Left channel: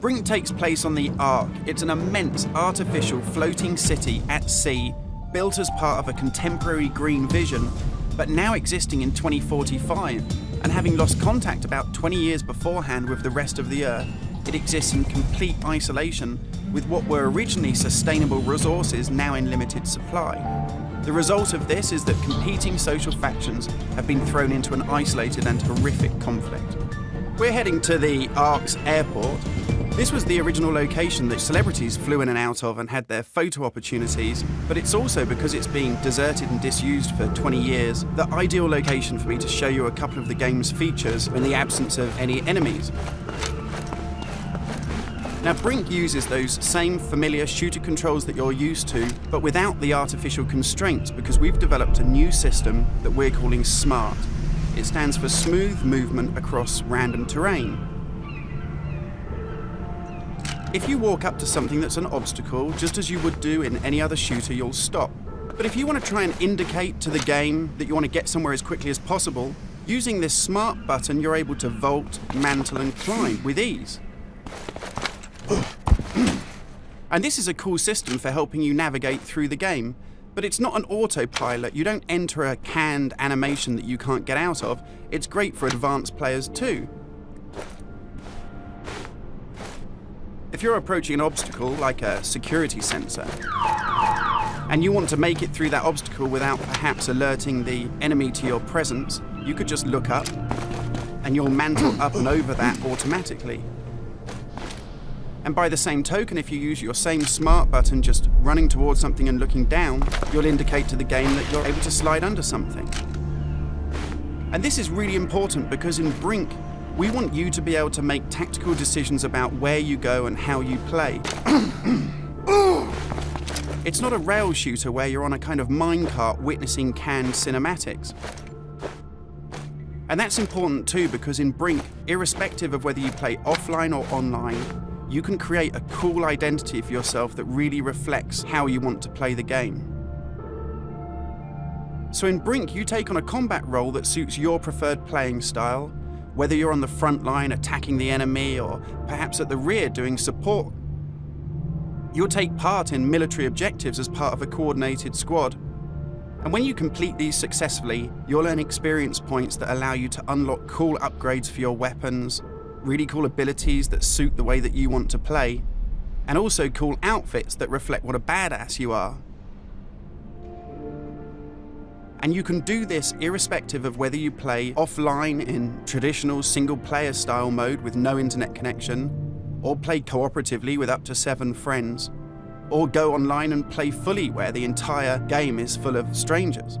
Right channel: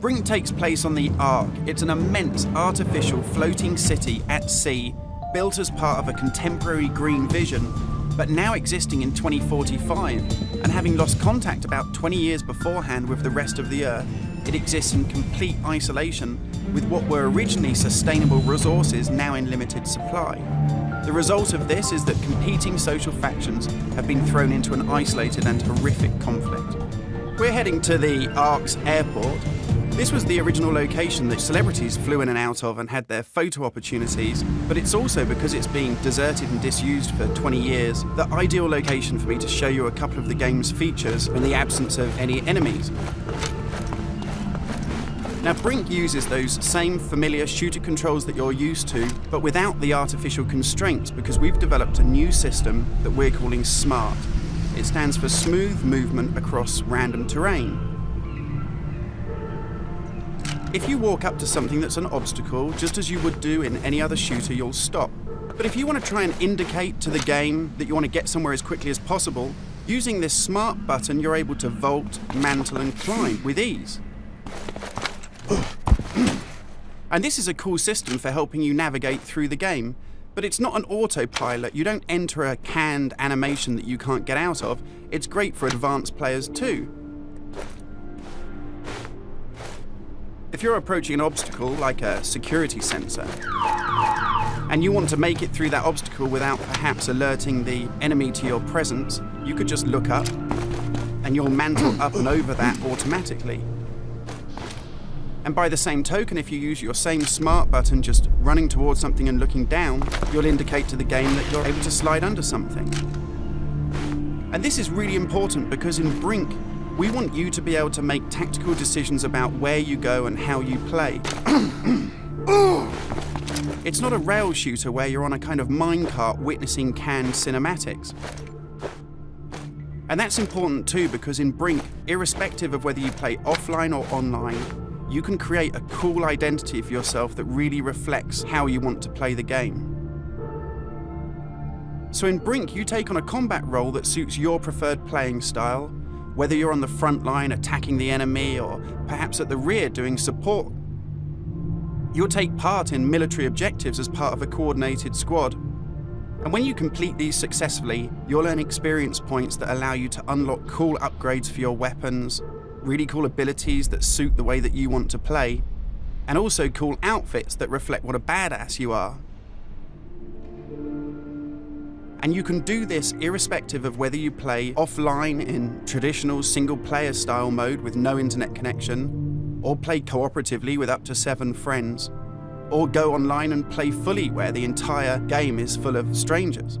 Brink takes place on the Ark. It's an immense artificial floating city at sea, built as part of a contemporary green vision, but now existing in 2045, and having lost contact about 20 years beforehand with the rest of the Earth, it exists in complete isolation, with what were originally sustainable resources now in limited supply. The result of this is that competing social factions have been thrown into an isolated and horrific conflict. We're heading to the Ark's airport. This was the original location that celebrities flew in and out of and had their photo opportunities, but it's also, because it's being deserted and disused for 20 years, the ideal location for me to show you a couple of the game's features in the absence of any enemies. Now, Brink uses those same familiar shooter controls that you're used to, but without the artificial constraints, because we've developed a new system that we're calling SMART. It stands for Smooth Movement Across Random Terrain. If you walk up to something that's an obstacle, just as you would do in any other shooter, you'll stop. But if you want to try and indicate to the game that you want to get somewhere as quickly as possible, using this SMART button, you're able to vault, mantle, and climb with ease. And this is a cool system for helping you navigate through the game, but it's not an autopilot. You don't enter a canned animation that you can't get out of. It's great for advanced players too. If you're approaching an obstacle, like a security sensor, and you want to make it through that obstacle without perhaps alerting the enemy to your presence, you could just look up, and you'll mantle up and over that automatically. And by the same token, if you use your same SMART button just running towards something and looking down, you'll indicate to the game that you're able to slide under something. And this is really important because in Brink, we want you to be able to make tactical decisions about where you go and how you play. It's not a rail shooter where you're on a kind of minecart witnessing canned cinematics. And that's important too, because in Brink, irrespective of whether you play offline or online, you can create a cool identity for yourself that really reflects how you want to play the game. So in Brink, you take on a combat role that suits your preferred playing style, whether you're on the front line attacking the enemy or perhaps at the rear doing support. You'll take part in military objectives as part of a coordinated squad. And when you complete these successfully, you'll earn experience points that allow you to unlock cool upgrades for your weapons, really cool abilities that suit the way that you want to play, and also cool outfits that reflect what a badass you are. And you can do this irrespective of whether you play offline in traditional single-player style mode with no internet connection, or play cooperatively with up to 7 friends, or go online and play fully where the entire game is full of strangers.